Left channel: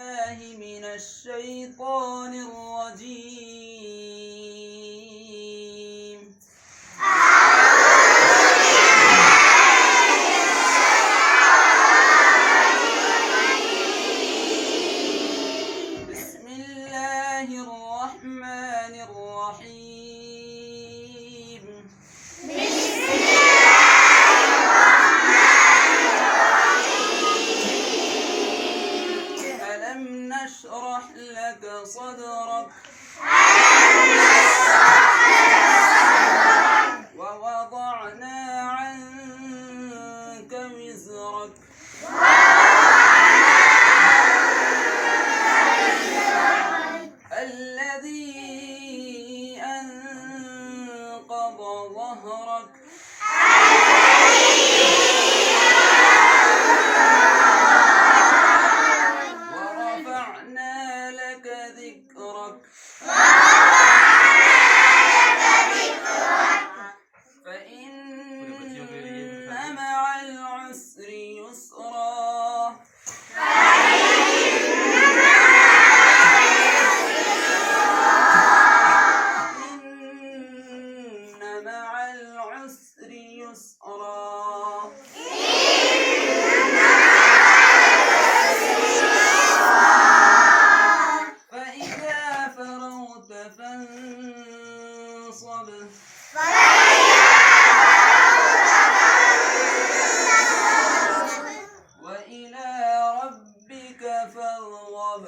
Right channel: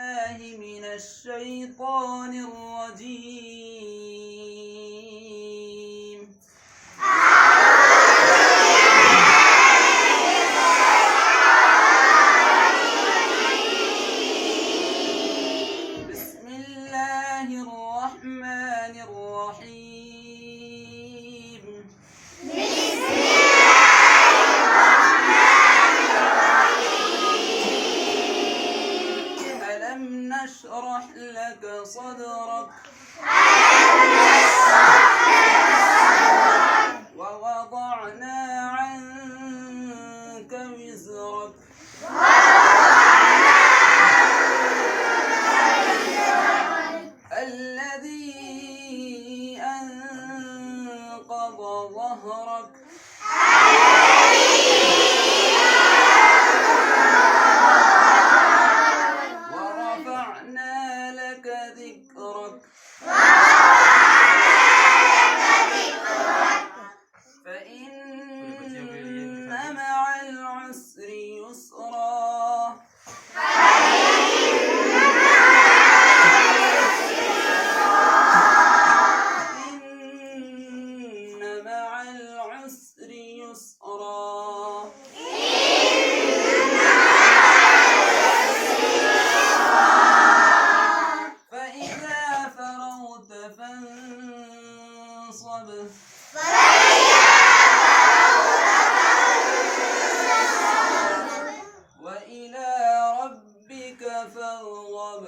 الله من الشيطان الرجيم. بسم الله الرحمن الرحيم. ألم نشرح لك صدرك ووضعنا عنك وزرك الذي أنقض ظهرك ورفعنا لك ذكرك فإن مع العسر يسرا إن مع العسر يسرا فإذا فرغت فانصب وإلى ربك فارغب